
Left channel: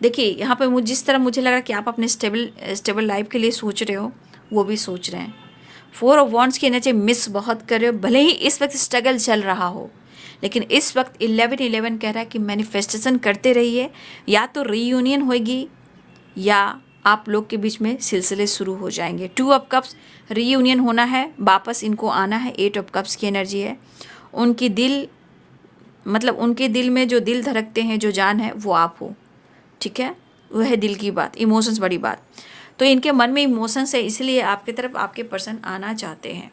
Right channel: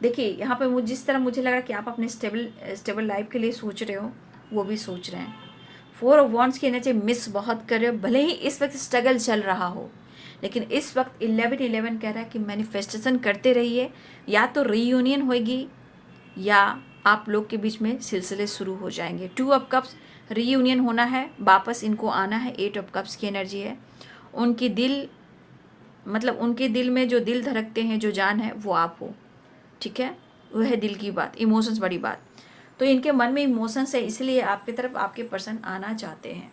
देखिए, यहाँ पे मुझे जिस तरह मुझे लगा कि आप अपने स्टेबल लाइफ के लिए सोच रहे हो, वो भी सोच रहे हैं। 4 ऑफ वांड्स की एनर्जी मिस बहुत कर रहे हो, भले ही इस वक्त स्ट्रगल चल रहा हो, लेकिन इस वक्त 11-11 कह रहा है कि मैनिफेस्टेशन करते रहिए, या तो रीयूनियन होगी या आप लोग के बीच में सिलसिले शुरू हो जाएंगे। 2 ऑफ कप्स, रीयूनियन होना है, वापस इनको आना है। 8 ऑफ कप्स की एनर्जी है, उनकी दिल, मतलब उनके दिल में जो दिल धड़कते हैं, जो जान है, वो आप हो। ठीक है, वह है दिल की बात, इमोशंस बड़ी बात। तो इनके मन में इमोशंस है, इसलिए आपकी तरफ आपके पर्सन आना चाहते हैं।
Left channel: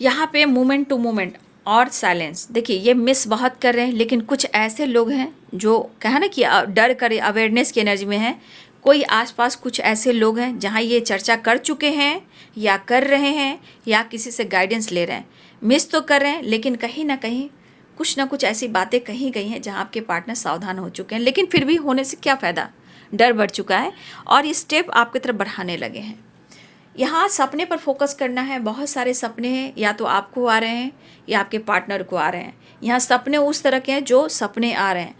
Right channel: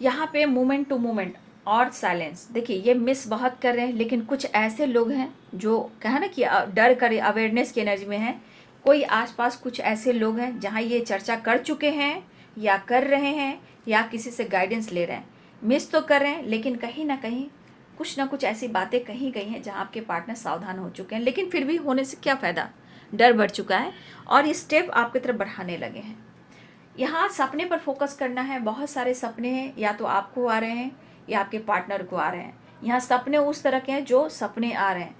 यहाँ पे मोमेंट टू मोमेंट और साइलेंस, देखिए ये मिस बहुत कर रहे हैं, लेकिन कुछ ऐसे लोग हैं जो कहा ना कि डर कर, अवेयरनेस की एनर्जी में है। कोई आसपास कुछ ऐसे लोग हैं जहाँ ये चर्चा कर चुके हैं या कर रहे हैं या किसी से गाइडेंस ले रहे हैं। मिस तो कर रहे हैं, लेकिन कहीं ना कहीं कुछ ना कुछ ऐसी बातें कही गई हैं जहाँ आपके पार्टनर सावधान हो चुके हैं, लेकिन फिर भी होने से क्या फ़ायदा, डर बढ़ चुका है और ये स्टेप आपकी तरफ बढ़ाने लगे हैं। यहाँ सपने पर फोकस करना है, बहुत सारे सपने हैं, या तो आपको आ रहे हैं या आपके पार्टनर को आ रहे हैं। यहाँ सपने उस तरह के हैं जो सपने आ रहे हैं,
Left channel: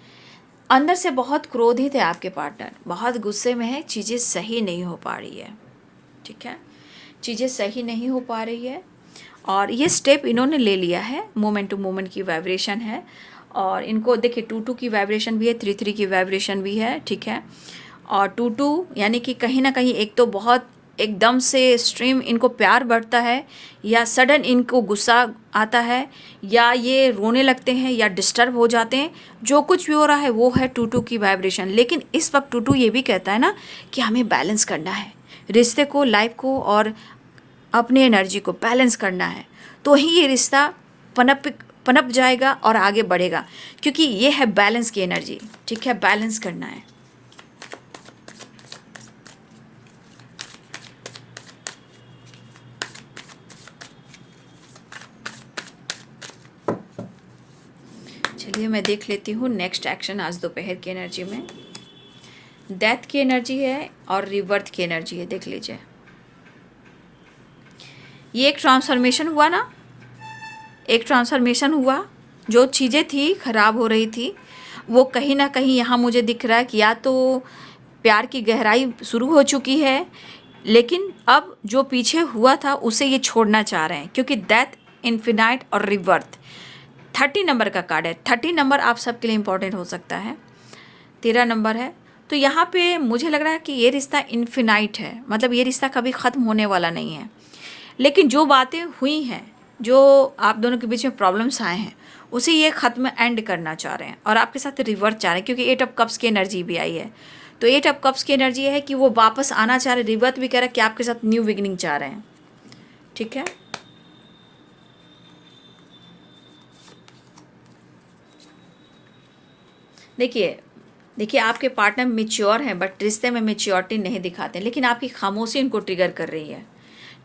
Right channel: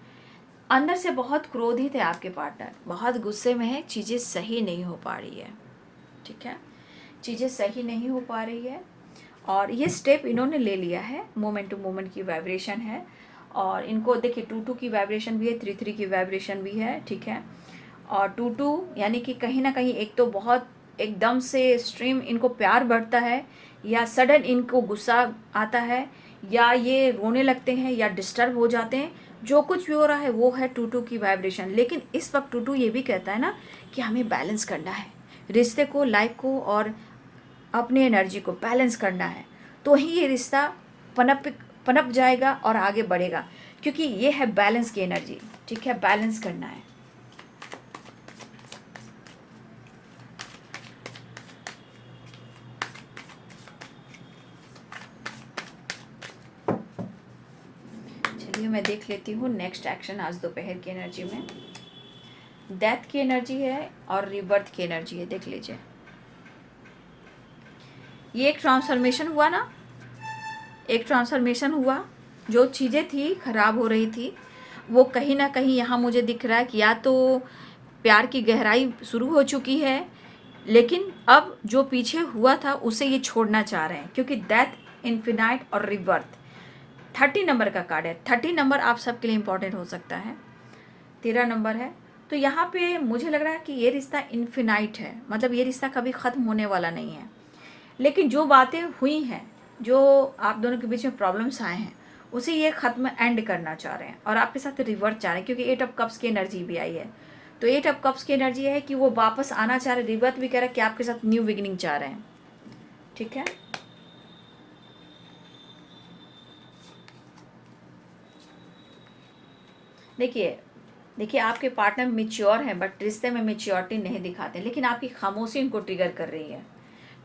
अंदर से बहुत क्रोधित है आपके पार्टनर, बहुत गुस्से में है, चीज़ें सही नहीं हो पा रही है। ठीक है, चीज़ें सही नहीं हो पा रही है, और ये स्टेप इन्होंने ले लिया है। मोमेंट टू मोमेंट की वाइब्रेशन है, और इनको देखिए 2-2 की वाइब्रेशन भी है, 3-3 की वाइब्रेशन भी है। ठीक है, और 2-2 यानी कि कहीं ना कहीं एक तो बहुत एकदम से स्ट्रीम इनको प्यार बढ़ता है, या सडन इनको गुस्सा आता है, या ये रोने लगते हैं या डिस्टर्ब हो जाते हैं। जो कुछ भी हो रहा है वो है 2-2 की वाइब्रेशन। लेकिन इस वक्त 2-2 ये भी कहता है ना कि हमें बैलेंस करना है, रिश्ते को, लाइफ को और अपनी एनर्जी को बैलेंस करना है, तो ही ये रिश्ता पनप जाएगा और आगे बढ़ेगा, क्योंकि ये है बैलेंस की एनर्जी। ठीक है, बैलेंस करना है। चलिए मैं देख लेती हूँ नेक्स्ट एक्शन आज दोपहर की एनर्जी में। डेथ की एनर्जी है और रिवर्थ की एनर्जी है, देख लीजिए। ये एक ट्रांसफॉर्मेशन हुआ ना, एक ट्रांसफॉर्मेशन हुआ, जो चीज़ें थी खराब हो रही थी, वो कहीं ना कहीं यहाँ मुझे दिख रहा है कि या तो प्यार की गहराई शुरू हो चुकी है, लेकिन अब जो पीछे हुआ था उसे ये छोड़ना चाह रहे हैं, क्योंकि डेथ, इन्फिनाइट और रिवर्थ 30 नंबर का कार्ड है। 30 नंबर आप सबके लिए इम्पोर्टेंट हो सकता है, 13 नंबर है। तो यहाँ पे मुझे लग रहा है कि ये रिश्ता इन्फिनाइट है, मतलब ये रिश्ता कभी ख़त्म होने वाला नहीं है। लेकिन जो बातें हुई हैं, जो आप दोनों के बीच में प्रॉब्लम्स आए हैं, उसे ये ख़त्म एंड करना चाह रहे हैं, और आपके साथ रिवर्स चाह रहे हैं, क्योंकि 8 ऑफ कप्स की एनर्जी भी आई है। तो 8 ऑफ कप्स की एनर्जी है कि वो वापस आना चाह रहे हैं, रिवर्स भी कह रहा है कि आपके साथ न्यू बिगिनिंग चाह रहे हैं। ठीक है, देखिए आपके पार्टनर मेच्योर हैं, बट रिश्ते में मेच्योरिटी नहीं दिखाते, लेकिन आपकी खामोशी इनको ट्रिगर कर रही है।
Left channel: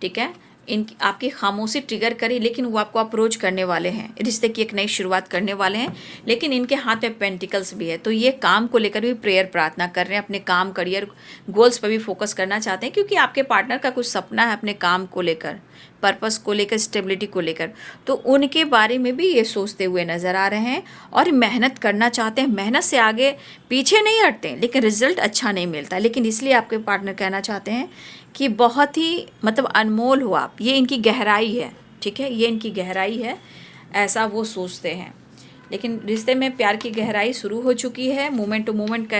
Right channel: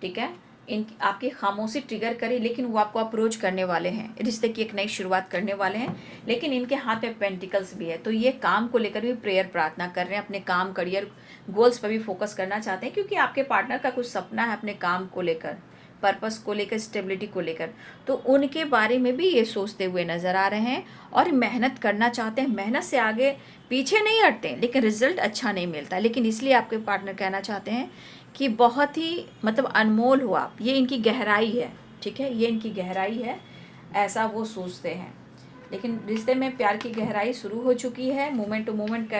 ठीक है, इन आपकी खामोशी ट्रिगर करी, लेकिन वो आपको अप्रोच करने वाले हैं, रिश्ते की एक नई शुरुआत करने वाले हैं। लेकिन इनके हाथ में पेंटिकल्स भी है, तो ये काम को लेकर भी प्रेयर प्रार्थना कर रहे हैं, अपने काम करियर गोल्स पर भी फोकस करना चाहते हैं, क्योंकि आपके पार्टनर का कुछ सपना है अपने काम को लेकर, पर्पस को लेकर, स्टेबिलिटी को लेकर। तो उनके बारे में भी ये सोचते हुए नज़र आ रहे हैं और मेहनत करना चाहते हैं, मेहनत से आगे पीछे नहीं हटते, लेकिन रिजल्ट अच्छा नहीं मिलता। लेकिन इसलिए आपके पार्टनर कहना चाहते हैं कि बहुत ही मतलब अनमोल हो आप, ये इनकी गहराई है, ठीक है, ये इनकी गहराई है, ऐसा वो सोचते हैं। लेकिन रिश्ते में प्यार की गहराई शुरू हो चुकी है, मोमेंट टू मोमेंट का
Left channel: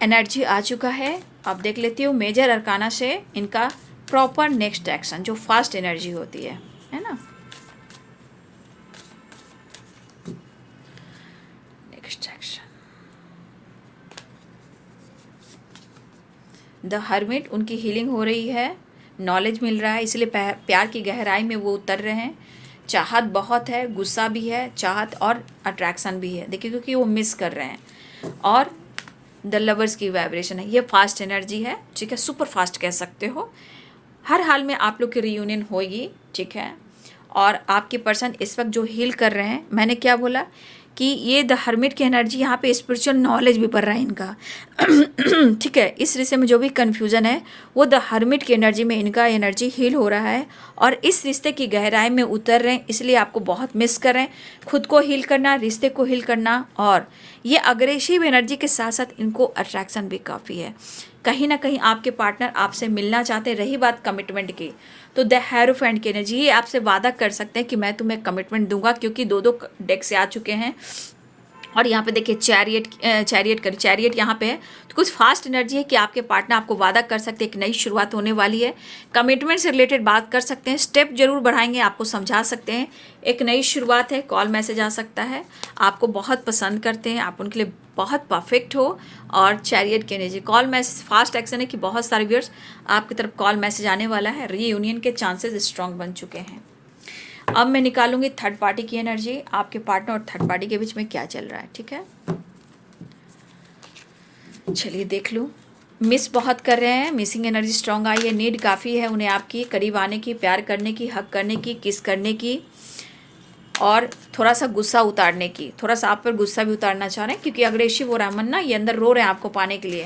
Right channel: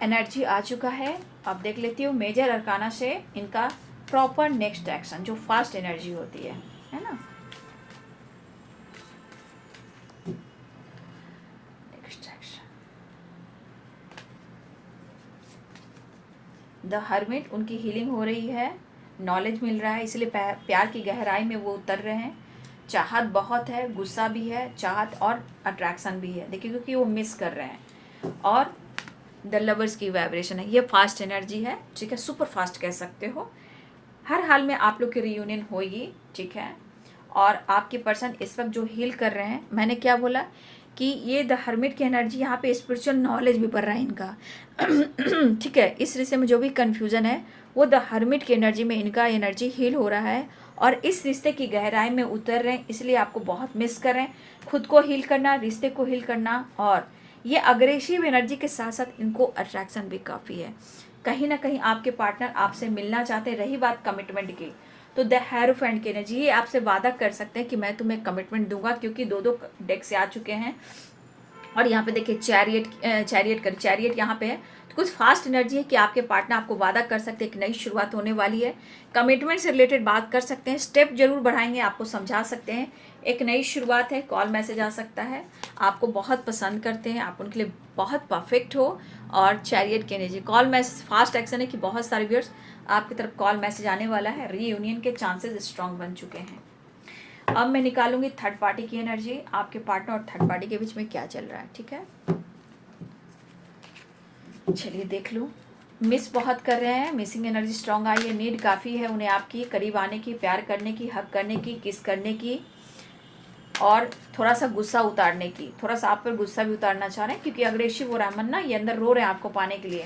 एनर्जी आ चुका है। आप देख लेती हो मेजर अरकाना से इनका प्रॉपर नेक्स्ट एक्शन, जो फास्ट एनर्जी होती है ना। नेक्स्ट एक्शन द हर्मिट, उनकी हीलिंग हो रही है, नॉलेज मिल रहा है, इसलिए प्यार की गहराई में वो उतर रहे हैं। चाहत बहुत है, गुस्सा भी है, चाहत और अट्रैक्शन भी है, देखिए, क्योंकि वो मिस कर रहे हैं। और द लवर्स की वाइब्रेशन है, ये फास्ट एनर्जी है, ठीक है, सुपर फास्ट कह सकते हो। हर हाल में आप लोग की रियूनियन होगी, ठीक है। और आपके पर्सन इस वक्त जो हील कर रहे हैं, मैंने क्या बोला कि ये द हर्मिट की एनर्जी, यहाँ पे स्पिरिचुअल नॉलेज भी बढ़ रहा है इनका, ठीक है। इस रिश्ते में जो भी कन्फ्यूज़न है वो द हर्मिट की एनर्जी में इनका एनर्जी हील हो रहा है और इस रिश्ते की गहराई में उतर रहे हैं, इसलिए आपको बहुत मिस कर रहे हैं। खुद को हील करना, रिश्ते को हील करना, और ये अग्रेसिव एनर्जी के साथ साथ इनको अट्रैक्शन भी काफ़ी है। कहीं ना कहीं आपके पार्टनर आपसे मिलना चाहते हैं। रही बात कमिटमेंट की, तो द हेरोफेंट की एनर्जी, ये आपसे वादा कर सकते हैं कि मैं तुम्हें कमिटमेंट दूंगा, क्योंकि दो दो डेक से आ चुके हैं। और यहाँ पे देखिए चैरियट यहाँ पे है, तो कुछ फास्ट एनर्जी है कि आपके पार्टनर आपको वादा कर सकते हैं, एक नई शुरुआत होने वाली है, कमिटमेंट से रिलेटेड बात कर सकते हैं, स्टेप जरूर बढ़ाएंगे, आपको समझा सकते हैं, एक नई शुरुआत है, कॉल मैसेज आ सकता है, आपको बहुत पसंद करते हैं, आप उनके लिए बहुत परफेक्ट हो। और चैरियट की energy, call message, fast action है कि बहुत सारे व्यूअर्स आपकी तरफ कॉल मैसेज आने वाला है, रीयूनियन के चांसेस स्ट्रांग बन चुके हैं। अब मैं निकालूंगी थर्ड पार्टी की एनर्जी, आपके पार्टनर और थर्ड पार्टी के बीच में क्या चल रहा है, ठीक है। चलिए देख लूँ। मिस बहुत कर रहे हैं, मिसिंग एनर्जी स्ट्रांग आई है, नीड काफ़ी है उन्हें आपकी करीब आने की, प्यार करने की, हक करने की, किस करने की, और थोड़ा सा गुस्सा उतारने की, थोड़ा सा आप पर गुस्सा भी उतारना चाह रहे हैं, क्योंकि अग्रेसिव हो रहा है मन ना, ये अंदर रो रहे हैं आपको पाने के लिए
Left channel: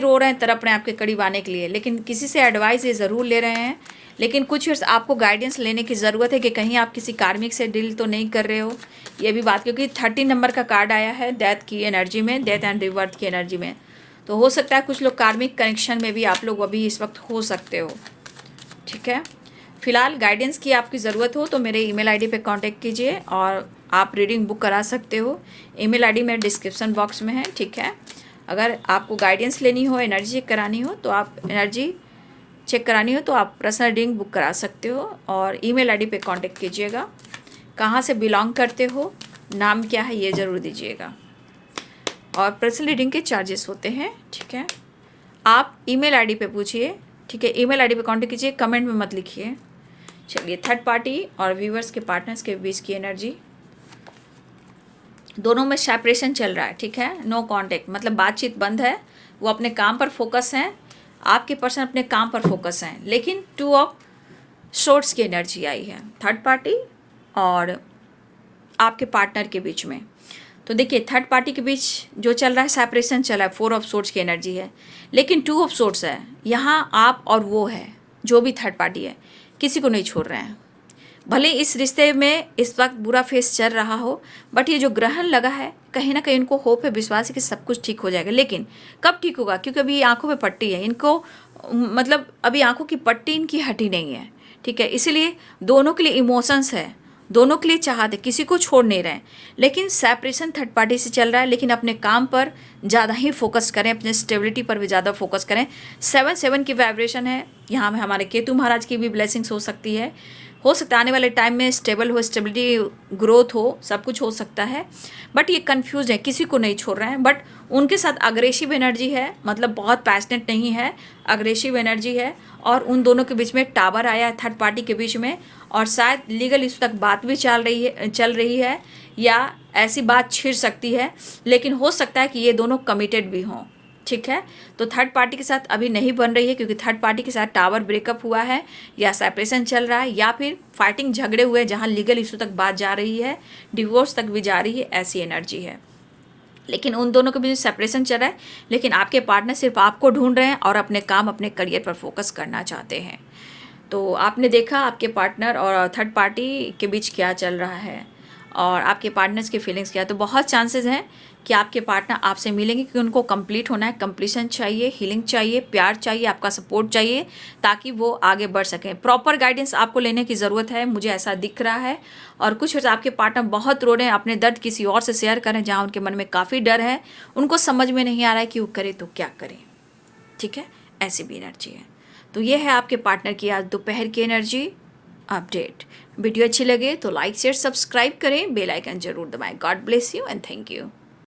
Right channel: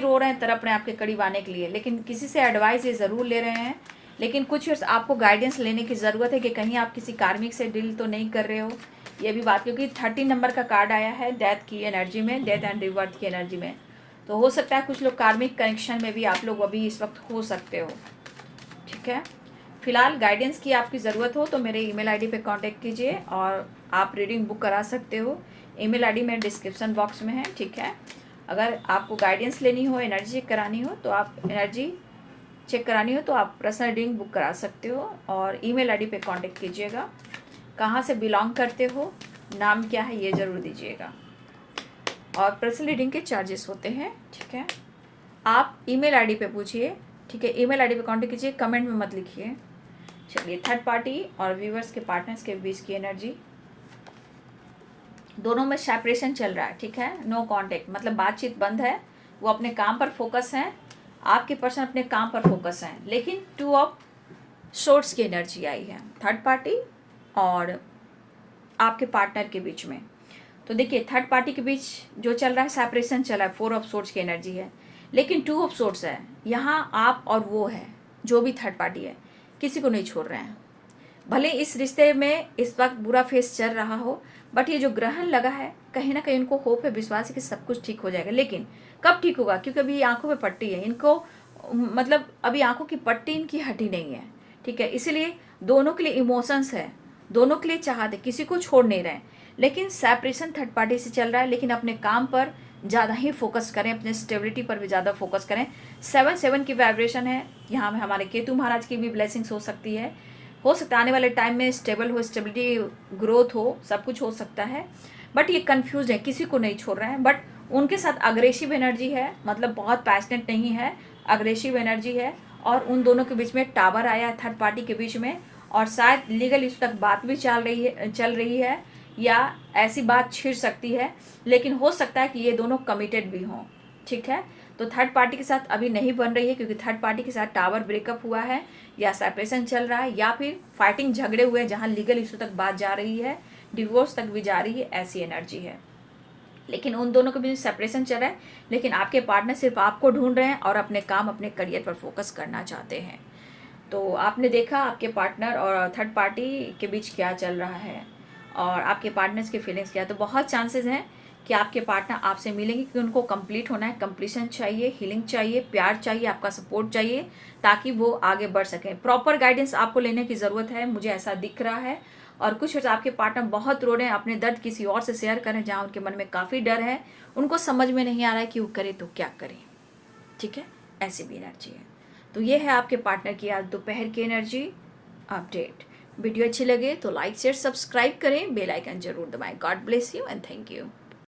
रो रहे हैं, तड़प रहे हैं आपके करीब आने के लिए। लेकिन किसी से एडवाइस ये ज़रूर ले रहे हैं, लेकिन कुछ आपको गाइडेंस लेने की ज़रूरत है कि कहीं आप किसी कार्मिक से डील तो नहीं कर रहे हो, ये भी बात, क्योंकि 13 नंबर का कार्ड आया है डेथ की एनर्जी में, डेथ एंड रिवर्थ की एनर्जी में। तो हो सकता है कुछ लोग कार्मिक कनेक्शन में भी आप लोग अभी इस वक्त हो सकते हो, ठीक है। फिलहाल गाइडेंस की आपकी ज़रूरत हो तो मेरे ईमेल आईडी पे कांटेक्ट कीजिए और आप रीडिंग बुक करा सकते हो। ईमेल आईडी मेरे डिस्क्रिप्शन बॉक्स में है, ठीक है। अगर आपको गाइडेंस लेनी हो, एनर्जी चेक करानी हो, तो आप पर्सनल रीडिंग बुक करा सकते हो और ईमेल आईडी पे कांटेक्ट कीजिएगा। कहाँ से बिलोंग करते हो, नाम क्या है, ये ज़रूर दीजिएगा। और पर्सनल रीडिंग के चार्जेस होते हैं, ठीक है। आप ईमेल आईडी पे पूछिए, ठीक है, ईमेल आईडी पे कांटेक्ट कीजिए, कमेंट में मत लिखिए। चलिए, थर्ड पार्टी और व्यूवर्स के पार्टनर्स के बीच की एनर्जी, दोनों में सेपरेशन चल रहा है, ठीक है, नो कांटेक्ट, मतलब बातचीत बंद है, वो अपने काम पर फोकस हैं, आपके पर्सन अपने काम पर फोकस हैं। लेकिन 2 ऑफ सोर्ड्स की एनर्जी आई है थर्ड पार्टी और आपके पार्टनर के बीच में। तो देखिए, थर्ड पार्टी के बीच जो चल रहा है सेपरेशन चल रहा है, 4 ऑफ सोर्ड्स की एनर्जी है, लेकिन 2 ऑफ सोर्ड्स है, यहाँ आप और वो है, जो भी थर्ड पार्टी है, किसी को नहीं छोड़ रहे हैं। भले इस रिश्ते में इस वक्त बुरा फेस चल रहा हो, बट ये जो ग्रहण लगा है, कहीं ना कहीं इनको होप है, विश्वास है कि सब कुछ ठीक हो जाएगा। लेकिन कब ठीक होगा, क्योंकि अभी आंखों में पट्टी है इनको, मतलब अभी आंखों की पट्टी इनकी हटी नहीं है, ठीक है। इसीलिए दोनों के लिए इमोशंस है, दोनों के लिए चाहते, किसी को छोड़ नहीं रहे। लेकिन सेपरेशन थर्ड पार्टी से चल रहा है, लेकिन अपने काम पर ज़्यादा ही फोकस करें, अपने स्टेबिलिटी पर भी ज़्यादा फोकस करें। 7 की वाइब्रेशन है, यहाँ में हमारे केतु महाराज की भी ब्लेसिंग्स हो सकती है। हो सकता है आने वाले टाइम में स्टेबल हो, स्टेबिलिटी ग्रोथ हो, सब कुछ हो सकता है। बट ये कंफ्यूज है, किसी को नहीं छोड़ रहे हैं, बट उनके साथ अग्रेसिव एनर्जी है, मतलब बहुत पैशनेट नहीं है, अग्रेसिव एनर्जी है। और उन दोनों के बीच में टावर आया है थर्ड पार्टी के बीच में, और शायद लीगल इस तक बात भी चल रही है या ऐसी बात छिड़ सकती है। लेकिन हो सकता है कि ये दोनों कमिटेड भी हों, ठीक है। तो थर्ड पार्टी के साथ अभी नहीं बन रही है, क्योंकि थर्ड पार्टी के साथ टावर ब्रेकअप हुआ है, या सेपरेशन चल रहा है, या फिर फाइटिंग झगड़े हुए हैं जहाँ लीगल इशू तक बात जा रही है, डिवोर्स तक भी जा रही है, ऐसी एनर्जी है। लेकिन उन दोनों के बीच सेपरेशन चल रहा है, लेकिन आपके पार्टनर सिर्फ आपको ढूंढ रहे हैं और अपने काम, अपने करियर पर फोकस करना चाहते हैं। तो आपने देखा आपके पार्टनर और थर्ड पार्टी के बीच क्या चल रहा है और आपके पार्टनर्स की फीलिंग्स क्या है। तो बहुत चांसेस हैं कि आपके पार्टनर आपसे मिलेंगे, क्योंकि उनको कंप्लीट होना है, कंप्लीशन चाहिए, हीलिंग चाहिए, प्यार चाहिए, आपका सपोर्ट चाहिए, ताकि वो आगे बढ़ सकें। प्रॉपर गाइडेंस आपको लेने की ज़रूरत है, मुझे ऐसा दिख रहा है। और कुछ आपके पार्टनर बहुत रो रहे हैं, अपने दर्द किसी और से शेयर करें जहाँ उनके मन में काफ़ी डर है, उनको समझ में नहीं आ रहा है कि वो करे तो क्या करें। ठीक है, ऐसी भी एनर्जी है। तो ये है आपके पार्टनर की आज दोपहर की एनर्जी अपडेट। वीडियो अच्छी लगे तो लाइक शेयर सब्सक्राइब करें, बेल आइकन जरूर दबाएं। God bless you and thank you.